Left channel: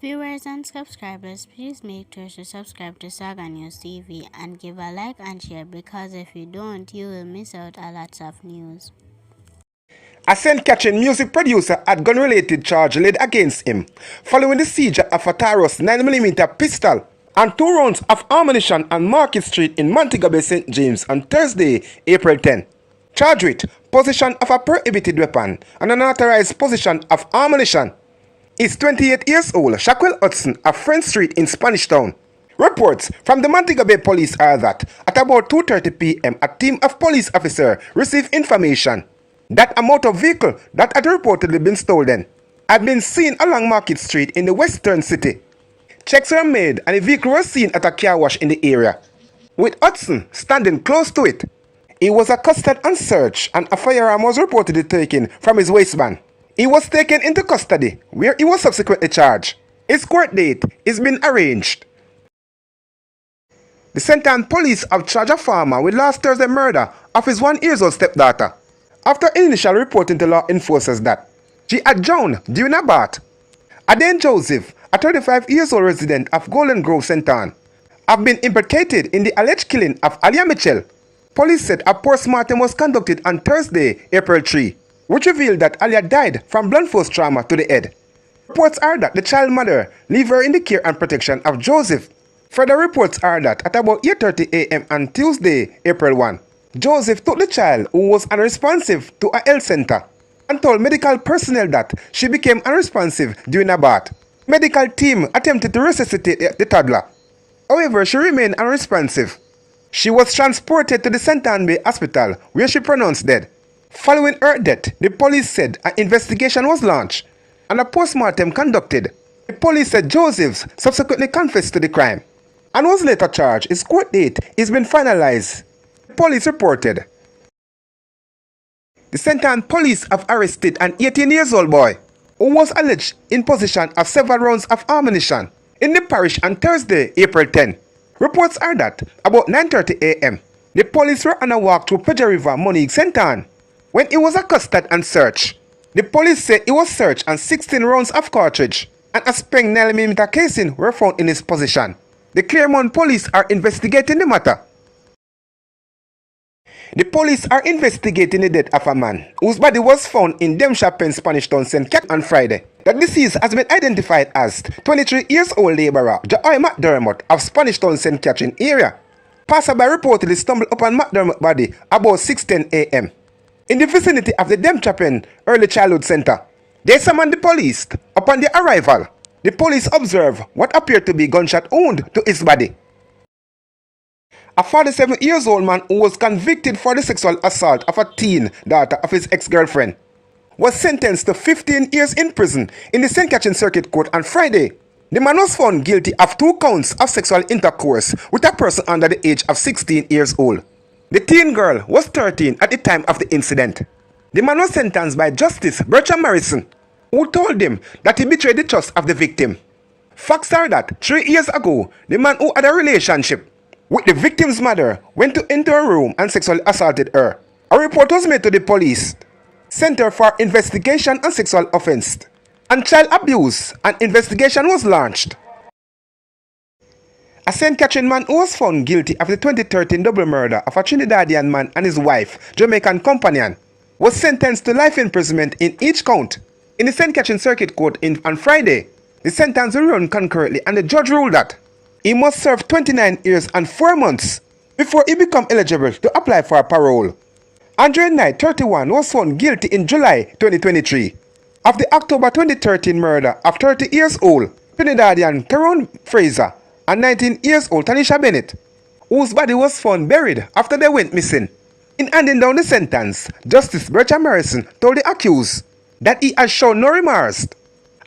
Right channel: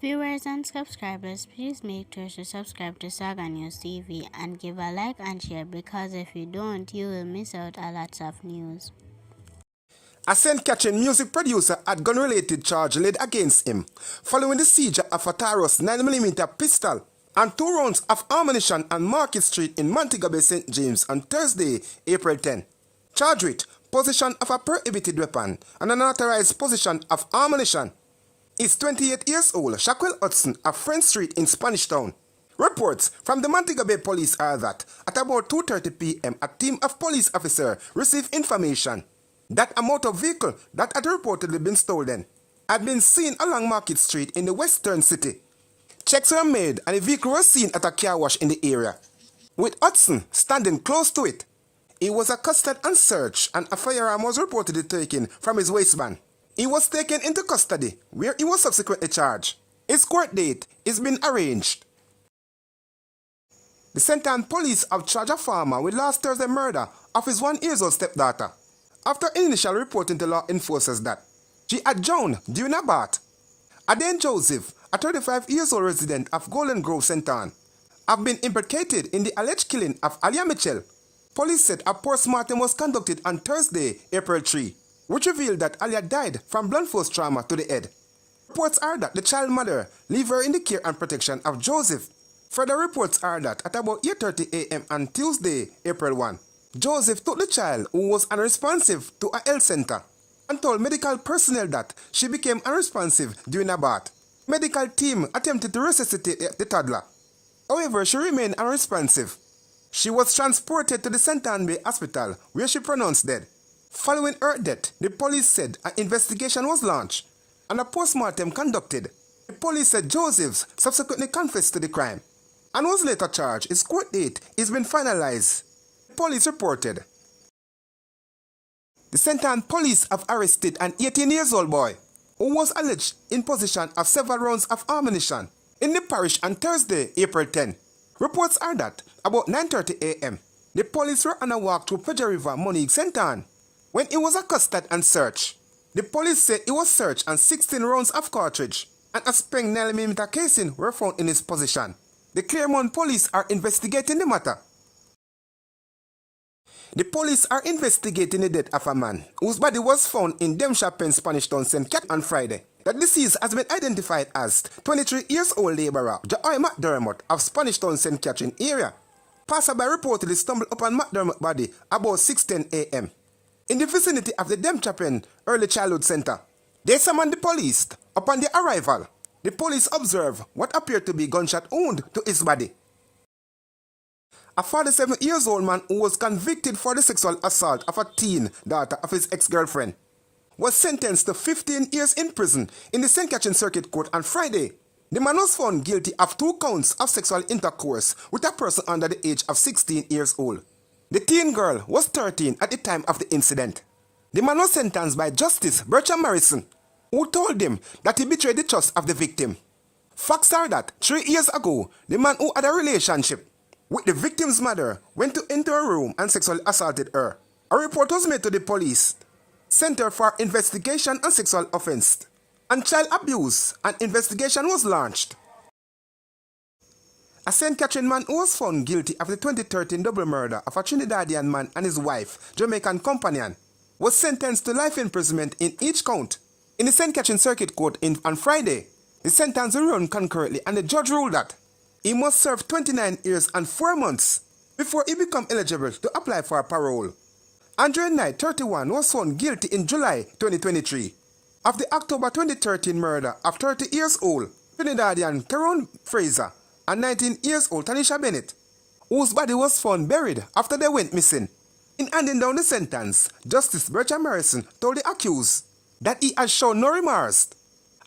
Viewers and subscribers, please make sure to subscribe to Saga News TV and give a like and share, because if you don't, you will miss out a lot of news. A scent-catching music producer had gun-related charge laid against him following the seizure of a Careless 9mm pistol and 2 rounds of ammunition on Market Street in Montego Bay, St. James on Thursday, April 10. Charged with possession of a prohibited weapon and unauthorized possession of ammunition is 28 years old Shaquille Hudson of Friend Street in Spanish Town. Reports from the Montego Bay police are that at about 2:30 p.m. a team of police officers received information that a motor vehicle that had reportedly been stolen had been seen along Market Street in the western city. Checks were made and the vehicle was seen at a car wash in the area, with Hudson standing close to it. He was accosted and searched, and a firearm was reportedly taken from his waistband. He was taken into custody, where he was subsequently charged. His court date is being arranged. The St. Ann police have charged a farmer with last Thursday's murder of his 1-year-old stepdaughter, after initial reporting to law enforcers that she had drowned during a bath. Adaine Joseph, a 35-year-old resident of Golden Grove, St. Ann, have been implicated in the alleged killing of Alia Mitchell. Police said a post-mortem was conducted on Thursday, April 3, which revealed that Alia died from blunt force trauma to the head. Reports are that the child mother left her in the care and protection of Joseph. Further reports are that at about 8:30 a.m. on Tuesday, April 1, Joseph took the child, who was unresponsive, to a health center and told medical personnel that she became unresponsive during a bath. Medical team attempted to resuscitate the toddler. However, she remained unresponsive. She was transported to the St. Ann Bay Hospital, where she pronounced dead. Following her death, the police said an investigation was launched and a post-mortem conducted. The police said Joseph subsequently confessed to the crime and was later charged. His court date is being finalized. The police reported. The St. Ann police have arrested an 18-year-old boy who was alleged in possession of several rounds of ammunition in the parish on Thursday, April 10. Reports are that about 9:30 a.m., the police were on a walk through Pedro River, Montego, St. Ann, when he was accosted and searched. The police said he was searched and 16 rounds of cartridge and a spent 9mm casing were found in his possession. The Claremont police are investigating the matter. The police are investigating the death of a man whose body was found in Demshire Pen, Spanish Town, St. Cat on Friday. The deceased has been identified as 23-year-old laborer Joy McDermott of Spanish Town, St. Catherine area. Passerby reportedly stumbled upon McDermott's body about 6:10 a.m. in the vicinity of the Demshire Pen Early Childhood Center. They summoned the police. Upon their arrival, the police observed what appeared to be gunshot wound to his body. A 47-year-old man who was convicted for the sexual assault of a teen daughter of his ex-girlfriend was sentenced to 15 years in prison in the St. Catherine Circuit Court on Friday. The man was found guilty of 2 counts of sexual intercourse with a person under the age of 16 years old. The teen girl was 13 at the time of the incident. The man was sentenced by Justice Bertram Morrison, who told him that he betrayed the trust of the victim. Facts are that 3 years ago, the man who had a relationship with the victim's mother went into her room and sexually assaulted her. A report was made to the police Center for Investigation on Sexual Offense and Child Abuse. An investigation was launched. A St. Catherine man who was found guilty of the 2013 double murder of a Trinidadian man and his wife, Jamaican companion, was sentenced to life imprisonment in each count in the St. Catherine Circuit Court on Friday. The sentence will run concurrently, and the judge ruled that he must serve 29 years and 4 months before he becomes eligible to apply for parole. Andre Knight, 31, was found guilty in July 2023 of the October 2013 murder of 30-year-old Trinidadian Tyrone Fraser and 19-year-old Tanisha Bennett, whose body was found buried after they went missing. In handing down the sentence, Justice Bertram Morrison told the accused that he has shown no remorse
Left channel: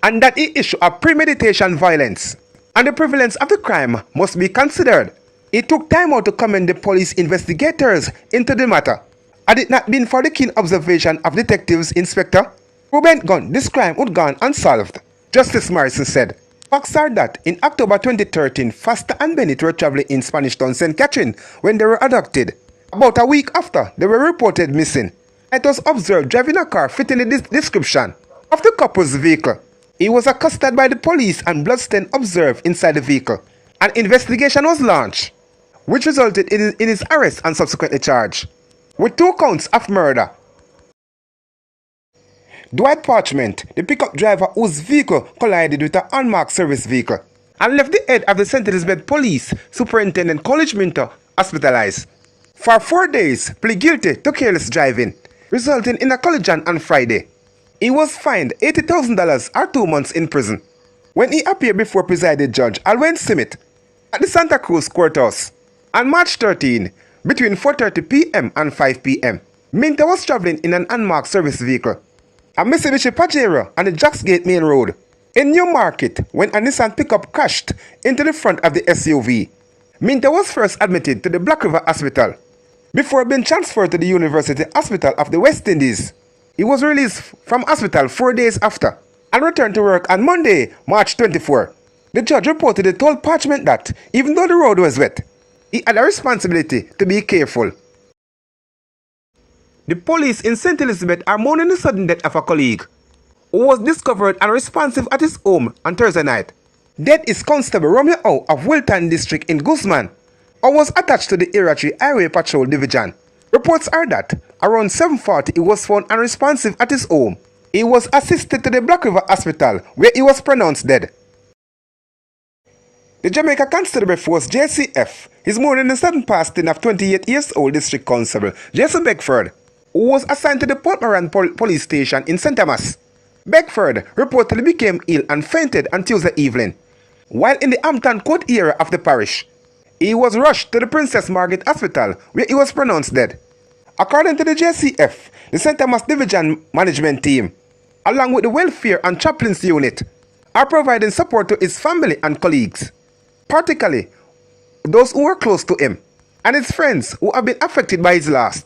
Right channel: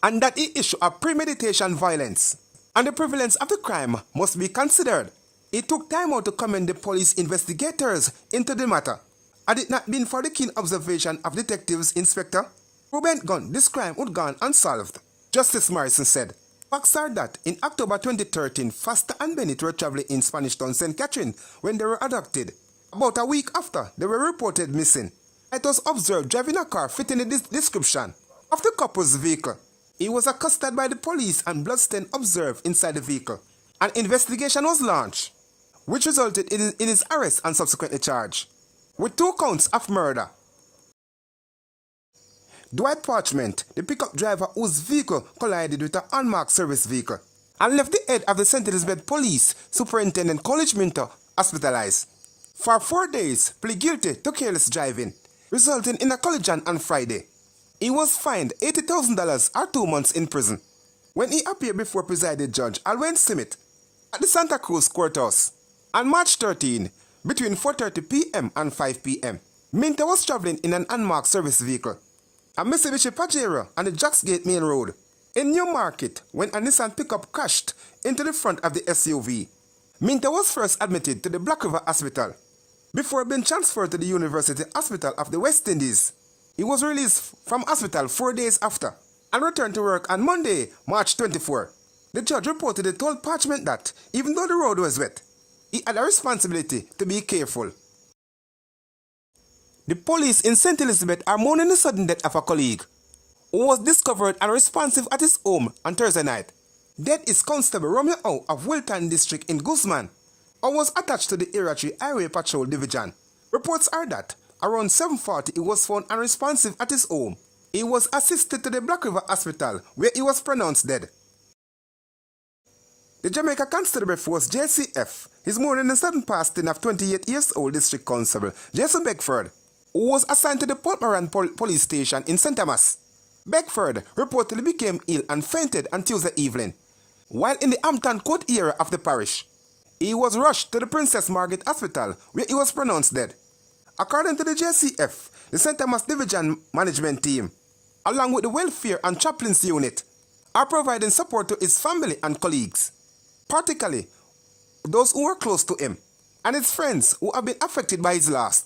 and that he issued a premeditation violence, and the prevalence of the crime must be considered. He took time out to commend the police investigators into the matter. Had it not been for the keen observation of Detectives Inspector Ruben Gunn, this crime would gone unsolved, Justice Morrison said. Facts are that in October 2013, Foster and Bennett were traveling in Spanish Town, St. Catherine when they were abducted. About a week after, they were reported missing. It was observed driving a car fitting the description of the couple's vehicle. He was accosted by the police and bloodstain observed inside the vehicle. An investigation was launched, which resulted in his arrest and subsequently charged with 2 counts of murder. Dwight Parchment, the pickup driver whose vehicle collided with an unmarked service vehicle and left the head of the St. Elizabeth Police Superintendent College Minto hospitalized. For 4 days, plead guilty to careless driving, resulting in a collision on Friday. He was fined $80,000 or 2 months in prison when he appeared before presiding judge Alwyn Simmet at the Santa Cruz Courthouse on March 13 between 4:30 p.m. and 5 p.m. Minto was traveling in an unmarked service vehicle, a Mitsubishi Pajero on the Jacksgate Main Road in Newmarket when a Nissan pickup crashed into the front of the SUV. Minto was first admitted to the Black River Hospital before being transferred to the University Hospital of the West Indies. He was released from hospital 4 days after and returned to work on Monday, March 24. The judge reportedly told Parchment that even though the road was wet, he had a responsibility to be careful. The police in St. Elizabeth are mourning the sudden death of a colleague who was discovered unresponsive at his home on Thursday night. Death is Constable Romeo O of Wilton District in Guzman, or was attached to the Area 3 Highway Patrol Division. Reports are that around 7:40 he was found unresponsive at his home. He was assisted to the Black River Hospital where he was pronounced dead. The Jamaica Constabulary Force JCF is mourning the sudden passing of 28-year-old District Constable Jason Beckford, who was assigned to the Port Moran Police Station in St. Thomas. Beckford reportedly became ill and fainted on Tuesday evening. While in the Hampton Court area of the parish, he was rushed to the Princess Margaret Hospital where he was pronounced dead. According to the JCF, the St. Thomas Division Management Team, along with the Welfare and Chaplains Unit, are providing support to his family and colleagues, particularly those who were close to him and his friends who have been affected by his loss.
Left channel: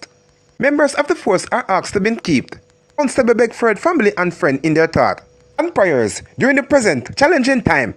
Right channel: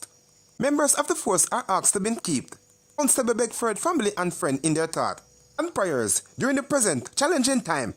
Members of the force are asked to keep Constable Beckford family and friend in their thought and prayers during the present challenging time.